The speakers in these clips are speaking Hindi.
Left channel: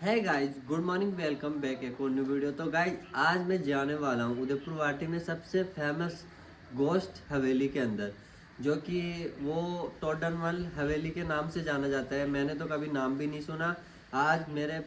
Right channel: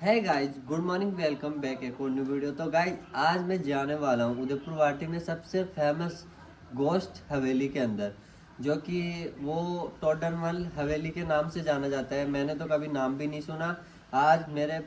है guys, good morning, welcome back एक और न्यू वीडियो। तो गाइज आज मैं जाने वाला हूँ उदयपुर वाटी में सबसे फेमस गोश्त हवेली के अंदर, जो कि वो टोडरमल हवेली के नाम से जाना जाता है। मैंने तो कभी नाम भी नहीं सुना। आज मेरे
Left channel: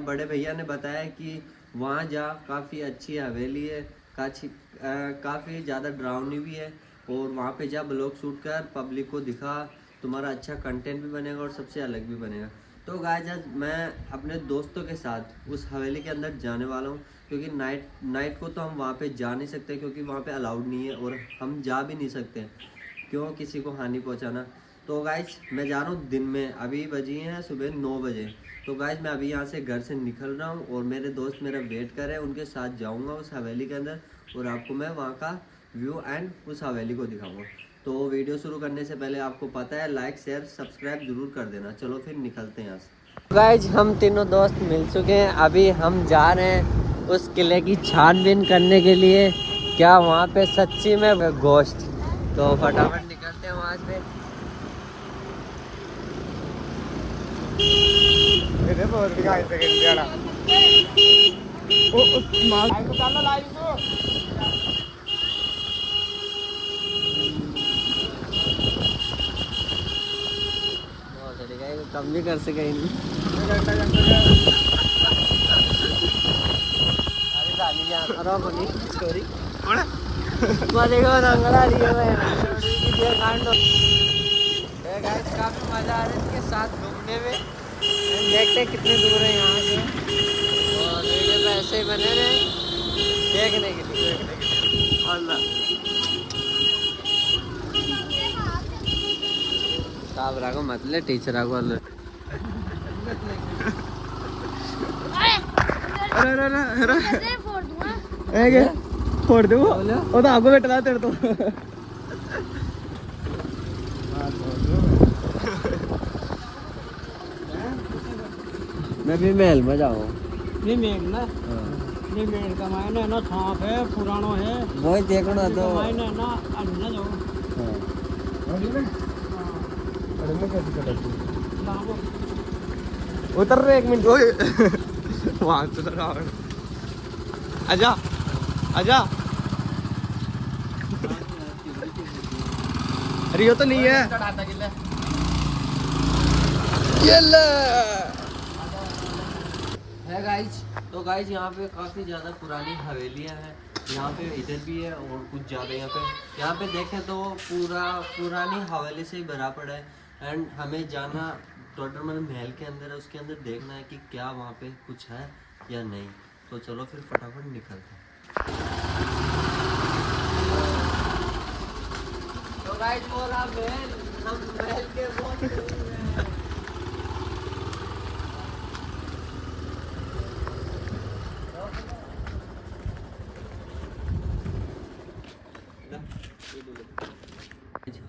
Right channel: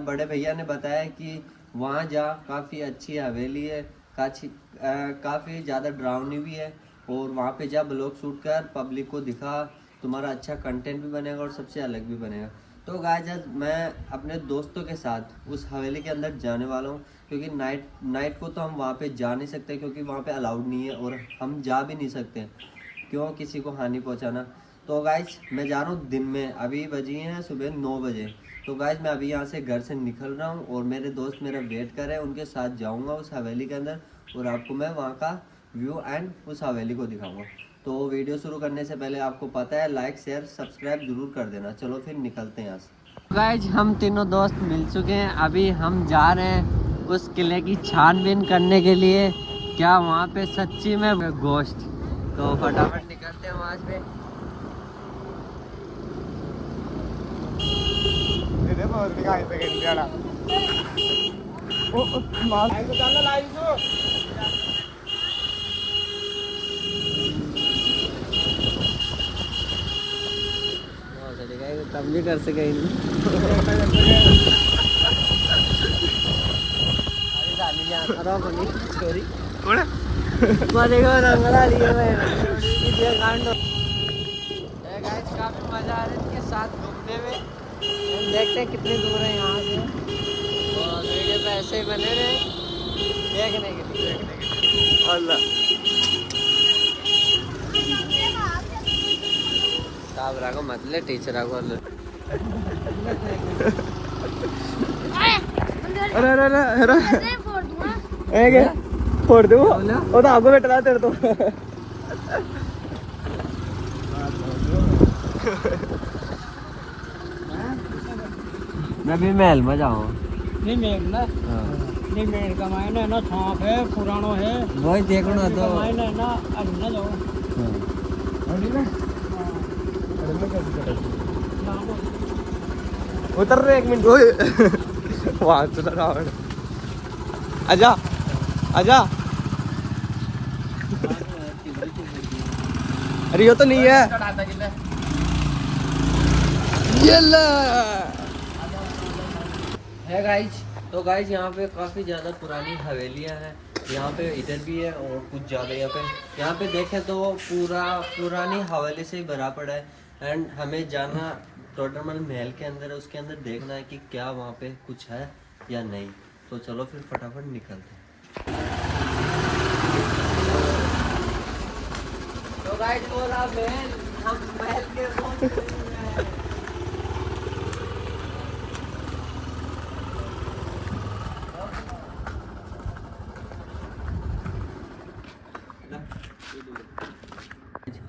बड़े भैया ने बताया कि वहाँ जा काफ़ी अच्छी हवेली है, काफ़ी ज़्यादा डरावनी भी है, और वहाँ पे जा ब्लॉग शूट कर पब्लिक को दिखा, तुम्हारा अच्छा कंटेंट भी बनेगा और सबसे अलग भी बनेगा। तो गाइस आज मैं अपने दोस्तों के साथ उस हवेली के अंदर जाने वाला हूँ, क्योंकि नाइट को तो हम वहाँ पे जा नहीं सकते, क्योंकि वहाँ पे अलाउड नहीं है और हम जा भी नहीं सकते, क्यों किसी को हानि पहुँचाना। तो गाइस मैं जा रहा हूँ दिन में, अभी बजी हैं सुबह 9 बजे। तो गाइस मैं अभी यहाँ से घर से निकल रहा हूँ और मेरे दोस्त मेरा वेट कर रहे हैं, उनके साथ जाऊँगा उस हवेली के अंदर और आपको मैं वहाँ का व्यू एंड उस हवेली को दिखाऊँगा। तो वीडियो शुरू करने से पहले आपको पता है लाइक शेयर सब्सक्राइब जरूर कर देना। चलो फिर निकलते हैं यहाँ से। गाइज हम तीनों दोस्त मिल चुके हैं, अभी हम जा रहे हैं उस किले की छानबीन करने के लिए, क्या वहाँ पे सच्ची में गोश्त। तो फटाफट निकलते हैं वहाँ से। कम भी कर सके काफी मजा आ रहा है इसके साथ घूमने में। देखते हैं कितनी दूर है यहाँ से, और वीडियो पे ऐसे ही बने रहे देखने के लिए। अल्लाह साहब राको मतलब टीचर आको फोड़ दूँ वो तो आपको बैठा तेरे तो। मैं भी महल में जाऊँ नहीं मेघ ना नहीं मेघ का मायने है ना छाप है पुरानो है वही देखना तो मायने है ना अभी ना लो उतर रहे 1 मिनट वहां से लगा आजा आजा। अरे ये तो नहीं है गाइज। तो गाइज यहाँ पे काफ़ी ज़्यादा पुरानी हवेलियाँ हैं, यहाँ पे इधर भी है और कुछ ज़्यादा यहाँ पे देखें तो वो पूरा पुरानी हवेली से ही भरा पड़ा है। एंड हमें जाना टोडरमल महल के अंदर है, उसके अंदर देखना है कि क्या वहाँ पे कुछ है या नहीं। तो चलो फिर फटाफट निकलते हैं। तो गाइज बोला महल, हम महल के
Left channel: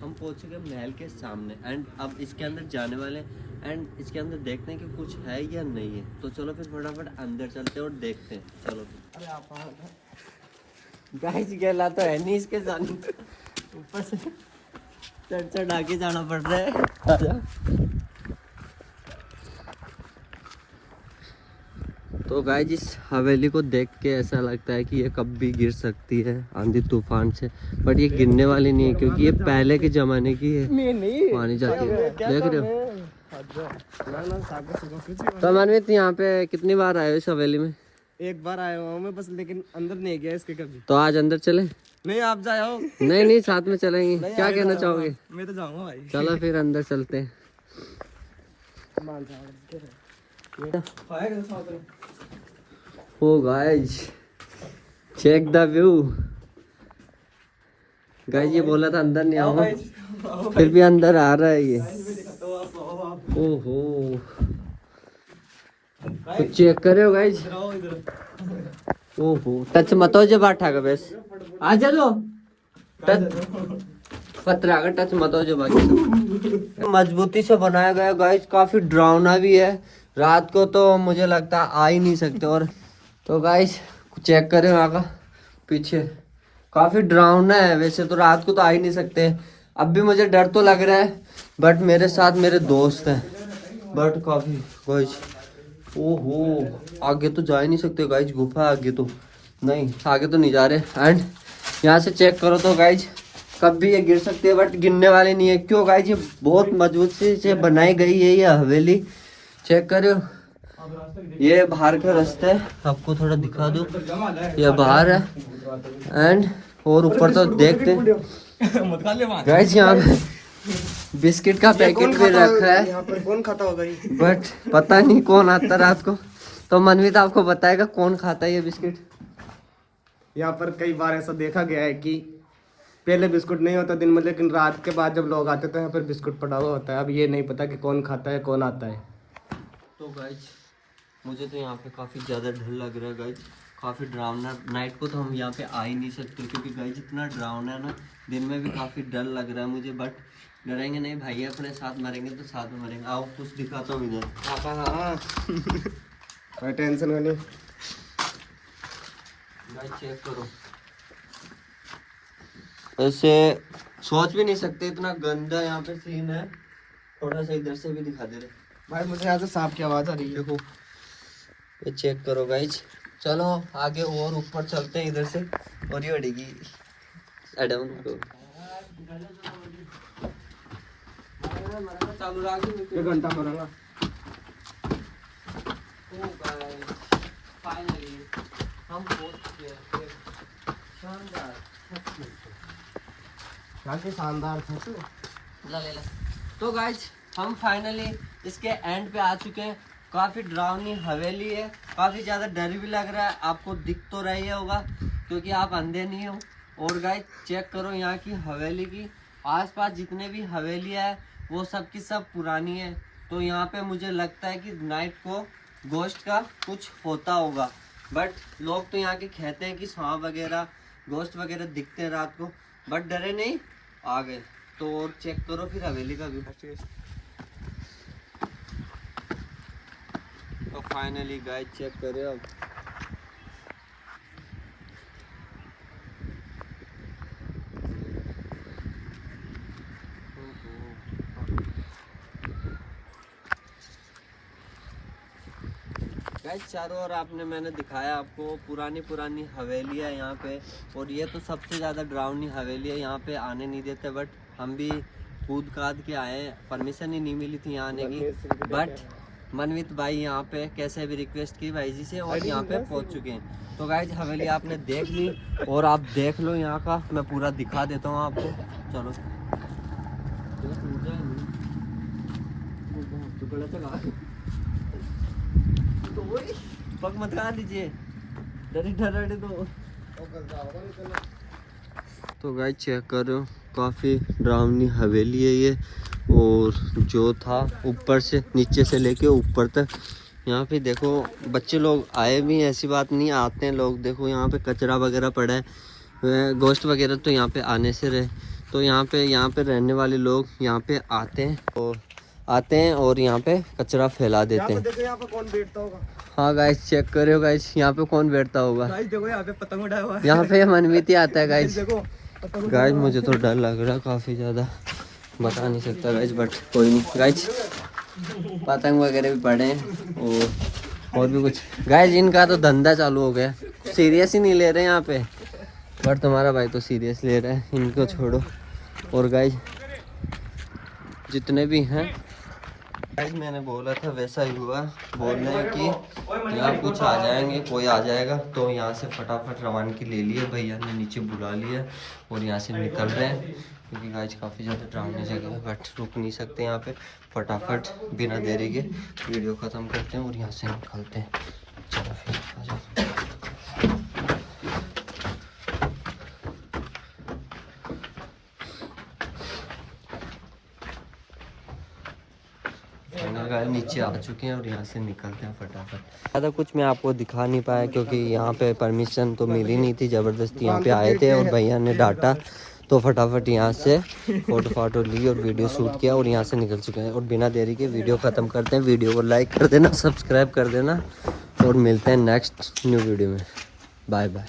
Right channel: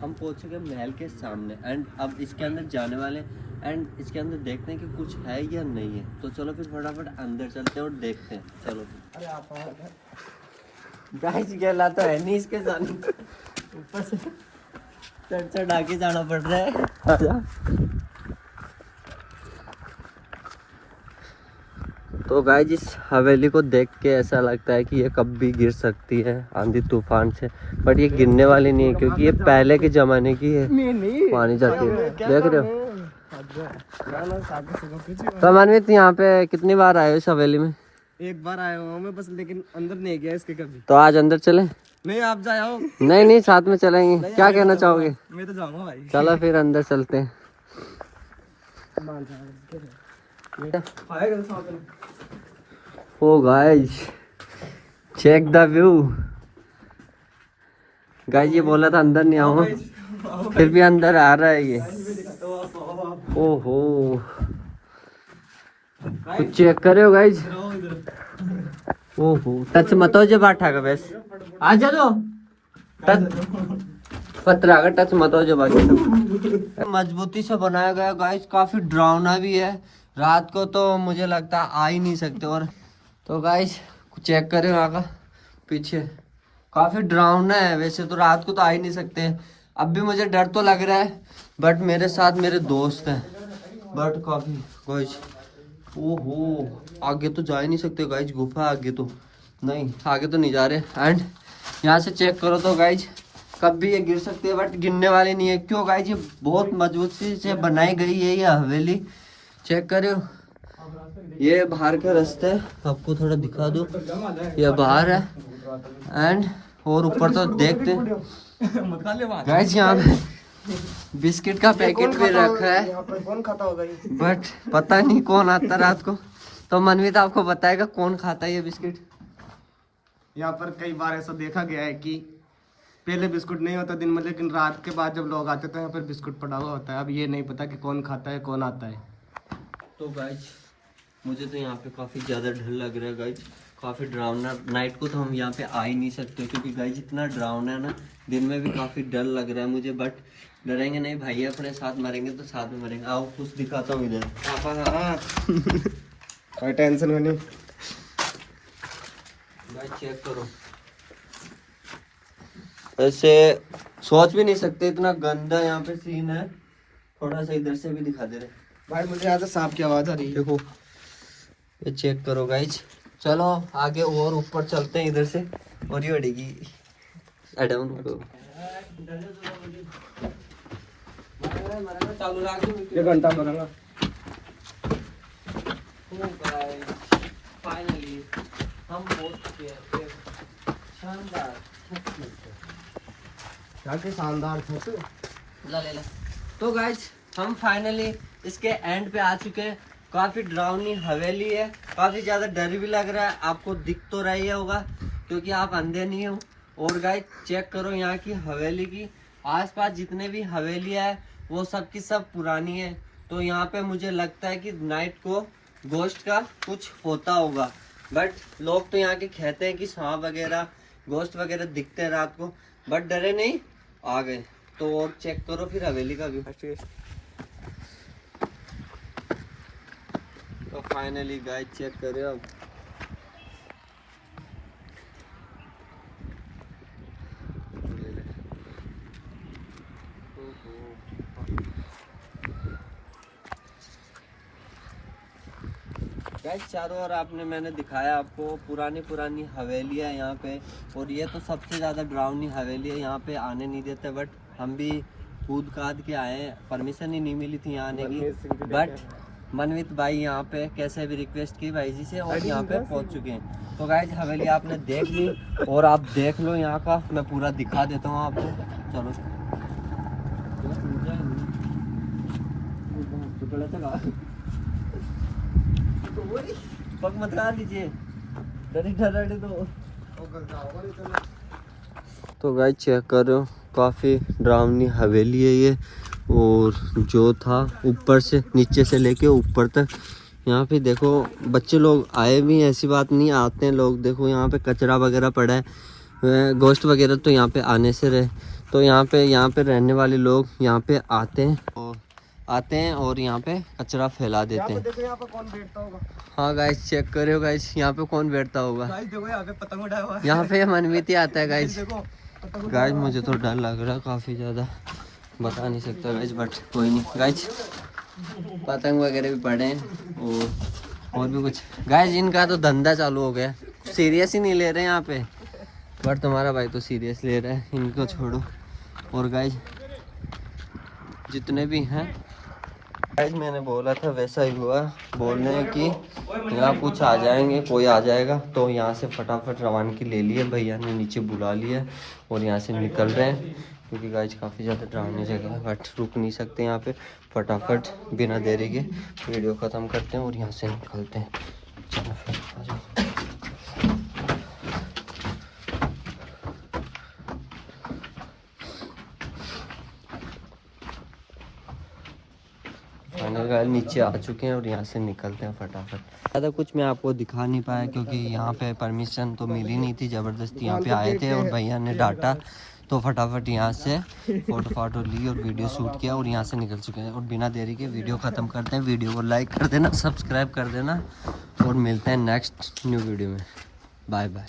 हम पहुंच चुके महल के सामने एंड अब इसके अंदर जाने वाले एंड इसके अंदर देखते हैं कि कुछ है या नहीं है। तो चलो फिर फटाफट अंदर चलते हैं और देखते हैं। चलो अरे आप गाइस गेला तो है नहीं इसके जाने, ऊपर से चढ़ चढ़ आके जाना पड़ रहा है। तो गाइस इस हवेली को देख के ऐसा लगता है कि ये कब भी गिर सकती है आंधी तूफान से, बट ये गिरने वाली नहीं है क्योंकि ये पहले के जमाने की है, पानी जाती है। देख रहे हो तो मनमीत यहाँ पे कितनी बार आए हो इस हवेली में? एक बार आया हूँ मैं बस, लेकिन अंदर नहीं गया इसके कभी। तो आज अंदर चले? नहीं आप जाओ। नहीं नहीं साथ में चलेंगे, क्या कहना चाहोगे? मैं तो जाऊंगा भाई। चलो फिर अंदर चलते हैं। Oh guys check the view. Guys ये बोला था अंदर नहीं आओ, फिर भी अंदर आ रहा है ये। ओहो कुछ चेक करे हो गाइस। ओहो टच मत हो जब बैठा का बस आ जा लो पत्थर का टच मत हो जब बाकी मजबूती से बनाया गया गाइस, काफी डरावना भी है। रात को तो मुझे लगता है आ ही नहीं सकते। और तो गाइस चेक करें वहाँ का पीछे, काफी डरावना है। वैसे तो रात को तो आ ही नहीं सकते, अब भी मुझे डर तो लग रहा है, बट मेरे साथ मेरे दोस्त हैं, बट काफी गाइस ओहो, आगे तो जा ही नहीं सकते गाइज, गुफा है आगे तो, नहीं आगे तो नहीं जा रहे। एंड यहाँ से चेक करो तो गाइज, कभी ये गिर सकते हैं बट गिरने वाले नहीं है। क्यों गाइज, ये बहुत मजबूत से बनाई गई है ये हवेली। चेक करो, ये बाहर का रास्ता है, आपको थोड़ा दिखा दूं, ये बाहर है। एंड और ऊपर तो देखते गाइज, यहाँ पे बिस्किट का पैकेट भी रखा है, यहाँ पर कौन खाता होगा ये? बट पता नहीं कौन आता रात को, तो मनवीत आपको बताएगा कौन खाता है ये बिस्किट। यहाँ पर कई बार ऐसा देखा गया है कि पहले बिस्कुट नहीं होता दिन में, लेकिन रात के बाद जब लोग आते तो यहाँ पर बिस्कुट पड़ा हुआ होता है। अब ये नहीं पता कि कौन खाता है कौन आता है। तो गाइज मुझे तो यहाँ पे काफ़ी ज़्यादा डर लग रहा है गाइज, काफ़ी डरावना। नाइट को तो हम यहाँ पे आ ही नहीं सकते क्योंकि गाइज इतना डरावना है ना, दिन में भी काफ़ी डर लग रहा है मुझे, बट डरेंगे नहीं भाई, अपने साथ मरेंगे तो साथ में मरेंगे। आओ कुछ दिखाता हूँ इधर। कोई टेंशन नहीं भाई, चेक करो, ऐसे सोच भी नहीं सकते इतना गंदा यहाँ पे सीन है। थोड़ा सा इधर से भी दिखा दे रहे भाई, मुझे यहाँ से सांप की आवाज आ रही है। देखो, ये चेक करो गाइज। चलो आगे और ऊपर चलते हैं इधर से, और ये अड़ेगी चालू ये घंटा पड़ेगा। फाइनली हम पहुंच गए। शानदार शानदार ला ले ला। तो गाइज हम फाइनली इसके एंड पे आ चुके हैं। काफी डरावनी हवेली है, काफी ज्यादा डर भी लग रहा है, आपको दिख तो रही होगा क्योंकि आप अंधे नहीं हो। और गाइज चेक करो यहाँ की हवेली की, आसपास जितने भी हवेलियाँ है वो सब की सब पुरानी है। तो यहाँ पे मुझे लगता है कि नाइट को गोश्त का कुछ होता होगा, बट लोग तो यहाँ के कहते हैं कि सांप वगैरह गोश्त वगैरह दिखते हैं रात को, बट डरे नहीं, आ गए। तो और चेक करो फिर हवेली का व्यू। तो फाइनली गाइस चेक कर रहे हो, गाइस चारों ओर आपने मैंने दिखाया आपको पुरानी हवेलियाँ यहाँ पे, और ये तो सबसे ज़्यादा डरावनी हवेली है, यहाँ पे आने नहीं देते। बट हम भी कूद काद के आए, परमिशन ही नहीं मिली थी यहाँ आने की, बट मनवित भाई यहाँ पे कैसे भी रिक्वेस्ट की भाई जी से, और यहाँ पे पहुँच चुके हैं। तो गाइस हवेली आपने देख ली, और आप देख लो यहाँ का मैं पूरा दिखा देता हूँ आपको। चलो पग मत खा लीजिए, डरे तो गाइस चेक करो, काफ़ी डरावनी हवेली है ये। और जो था ऊपर से नीचे से लेके ऊपर तक, यहाँ पे देखो बच्चे लोग आए भी, ऐसी बात नहीं आते हैं लोग। देखो यहाँ पे कचरा वगैरह पड़ा है, गोश्त वगैरह तो यहाँ पे आने से रहे। तो यहाँ पे रहने वाले लोग यहाँ पे आते हैं और यहाँ पे कचरा फैला देते हैं। देखो यहाँ पे कौन बैठता होगा। हाँ गाइस चेक करो गाइस, यहाँ पे कौन बैठता होगा। देखो यहाँ पे पतंग उड़ाया हुआ है। यहाँ पे मनवीत ही आता है गाइस। देखो गाइस मुझे तो डर लग रहा है काफ़ी ज़्यादा, बता नहीं सकता गाइस, बट कोई नहीं गाइस। पतंग वगैरह भी पड़े हैं और भी कुछ। गाइस इनका तो धंधा चालू हो गया, सीरियस ही नहीं ले रहे यहाँ पे, बट तुम्हारा भाई तो सीरियस ले रहा है, इनको छोड़ो। और गाइस जितने भी हैं गाइस, मैंने बोला था वैसा ही हुआ, बोलने कि यहाँ कुछ आ जाएंगे, कोई आ जाएगा। तो यहाँ से फटाफट रवानगी ले लिया, भैया ने नीचे बुला लिया और यहाँ से निकल रहे हैं क्योंकि गाइस काफ़ी ज़्यादा डरावनी जगह है, बट रुक नहीं सकते यहाँ पे। फटाफट बिना देरी के वीडियो ख़त्म करते हैं और यहाँ से निकलते हैं। चलो फिर आ जाओ। नीचे आ चुके हैं और यहाँ से निकलते हैं फटाफट। ज़्यादा कुछ मैं आपको दिखा नहीं पाया क्योंकि यहाँ पे परमिशन तो मिली नहीं थी, ज़बरदस्ती यहाँ पे आए थे और भैया ने डांटा। तो फटाफट यहाँ से फोटो ली और वीडियो शूट किया और यहाँ से निकल चुके हैं। और बिना देरी के वीडियो ख़त्म करते हैं। वीडियो को लाइक कर देना, सब्सक्राइब कर देना और मिलते हैं नेक्स्ट न्यू वीडियो में। Bye bye.